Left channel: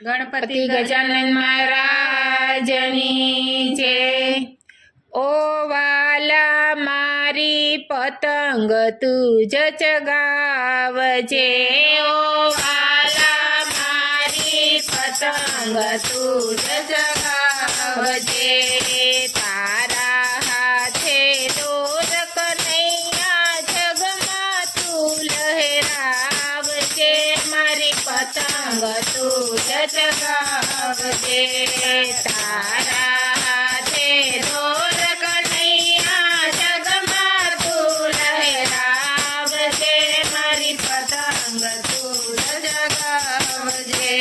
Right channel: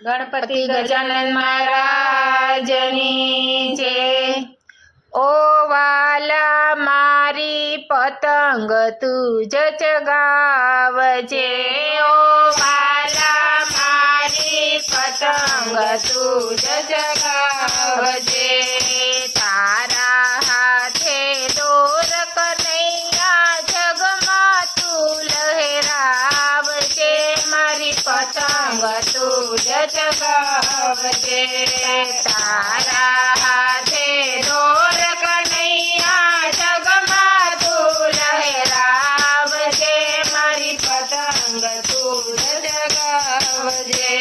ગણપતિ ગજાનન મહારાજની જય। ઓ વાલા મારી પતંગ તું જ ચગાવજે, ઓ વાલા મારી પતંગ તું જ ચગાવજે। તારા હાથે દોર કનૈયા જગમાં તું લહેરાવજે, મારી પતંગ તું જ ચગાવજે। તારા હાથે દોર કનૈયા જગમાં તું લહેરાવજે, મારી પતંગ તું જ ચગાવજે।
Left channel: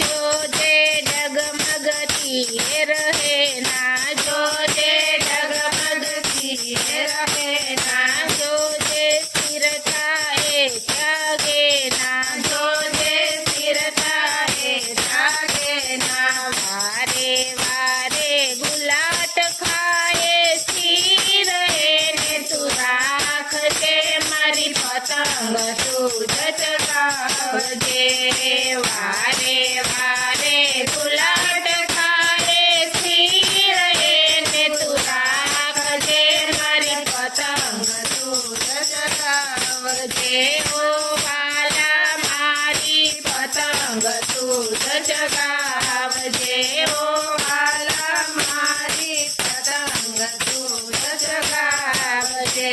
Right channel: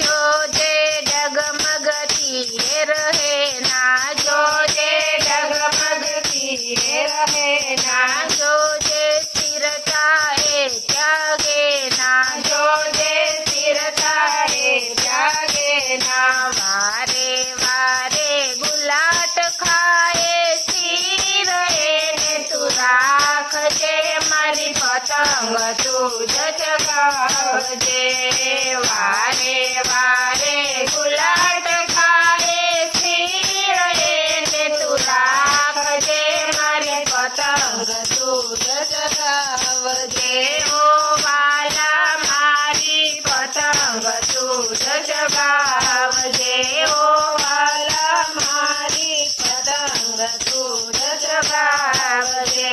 જોજે ડગમગતી રહે ના, જોજે ડગમગતી રહે ના, જોજે સ્થિરતા એ ત્યાગે ના, જોજે સ્થિરતા એ ત્યાગે ના। વારે વારે ગુલાટ ખાએ સ્થિર એને તું રાખજે, મારી પતંગ તું જ ચગાવજે। વારે વારે ગુલાટ ખાએ સ્થિર એને તું રાખજે, મારી પતંગ તું જ ચગાવજે। ઓ વાલા મારી પતંગ તું જ ચગાવજે, ઓ વાલા મારી પતંગ તું જ ચગાવજે।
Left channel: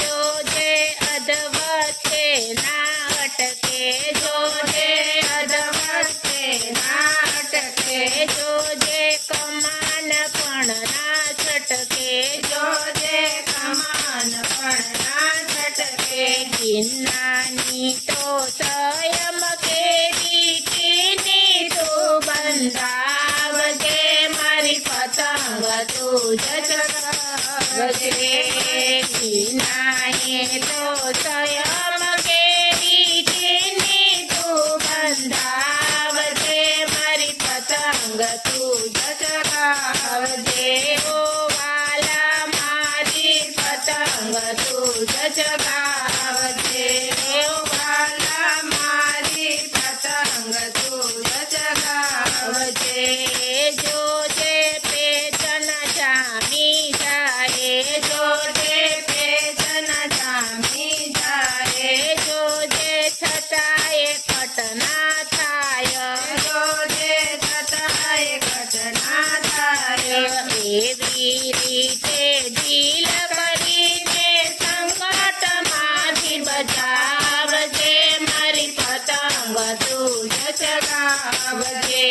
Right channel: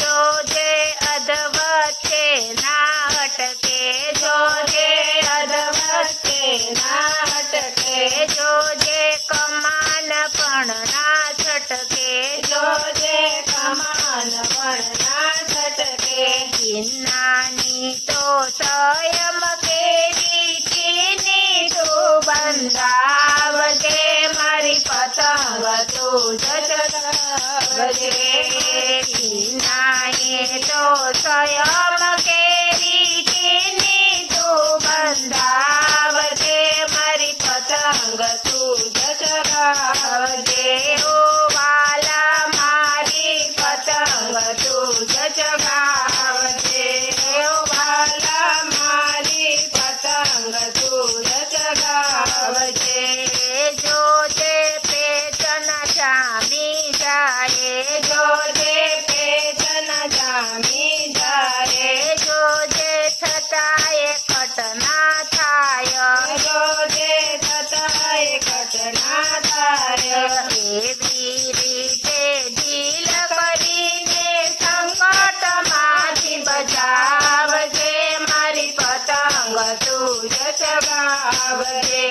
જોજે અધવચ્ચે ના અટકે, જોજે અધવચ્ચે ના અટકે, જોજે કમાન પણ ના છટકે, જોજે કમાન પણ ના છટકે। કિન્નાની તો સંયમ કેરી ચીની તું બંધાવજે, મારી પતંગ તું જ ચગાવજે। કિન્નાએ તો સંયમ કેરી ચીની તું બંધાવજે, મારી પતંગ તું જ ચગાવજે। ઓ વાલા મારી પતંગ તું જ ચગાવજે, ઓ વાલા મારી પતંગ તું જ ચગાવજે। જોજે પેચન જામી જાય, જોજે પેચન જામી જાય, જોજે છતાંય ઘટના થાય, જોજે છતાંય ઘટના થાય। એવી રીતે દિલ કરીને સંકટમાંથી બચાવજે, મારી પતંગ તું જ ચગાવજે।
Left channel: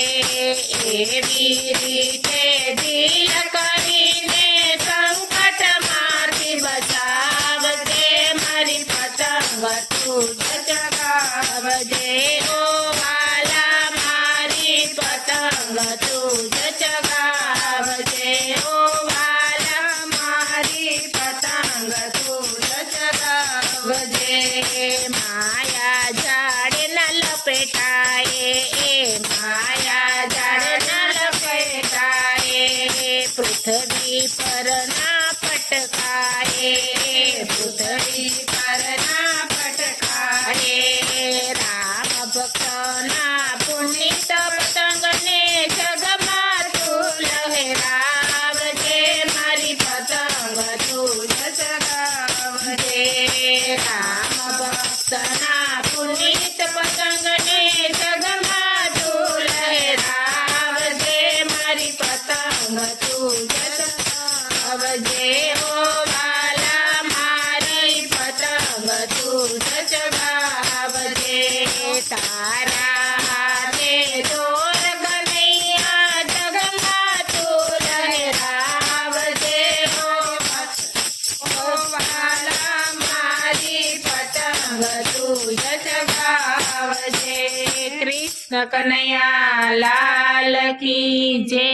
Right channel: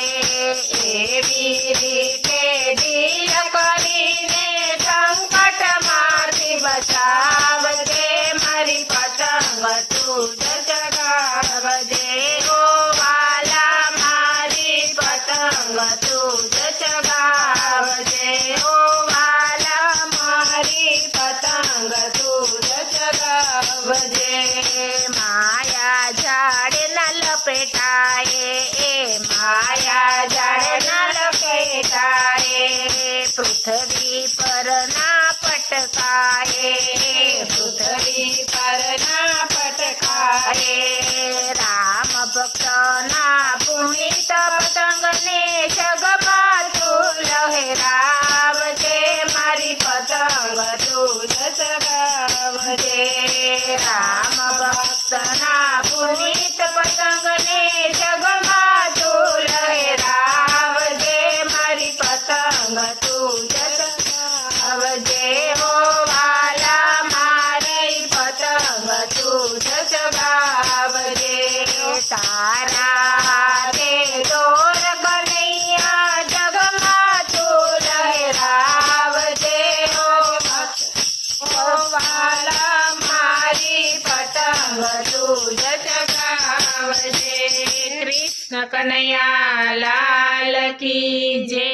એવી રીતે દિલ કરીને સંકટમાંથી બચાવજે, મારી પતંગ તું જ ચગાવજે। ઓ વાલા મારી પતંગ તું જ ચગાવજે, ઓ વાલા મારી પતંગ તું જ ચગાવજે। માયા ઝાડ ના લપેટાએ, એ માયા ઝાડ ના લપેટાએ, પૃથ્વી પર ના પટકાએ, પૃથ્વી પર ના પટકાએ। રામ ભક્ત ના પુનિત પતંગને જગમાં તું લહેરાવજે, મારી પતંગ તું જ ચગાવજે। રામ ભક્ત ના પુનિત પતંગને જગમાં તું લહેરાવજે, મારી પતંગ તું જ ચગાવજે। ઓ વાલા મારી પતંગ તું જ ચગાવજે। તારા હાથે દોર કનૈયા જગમાં તું લહેરાવજે, ઓ વાલા મારી પતંગ તું જ ચગાવજે। કૃષ્ણ કનૈયા લાલ કી જય।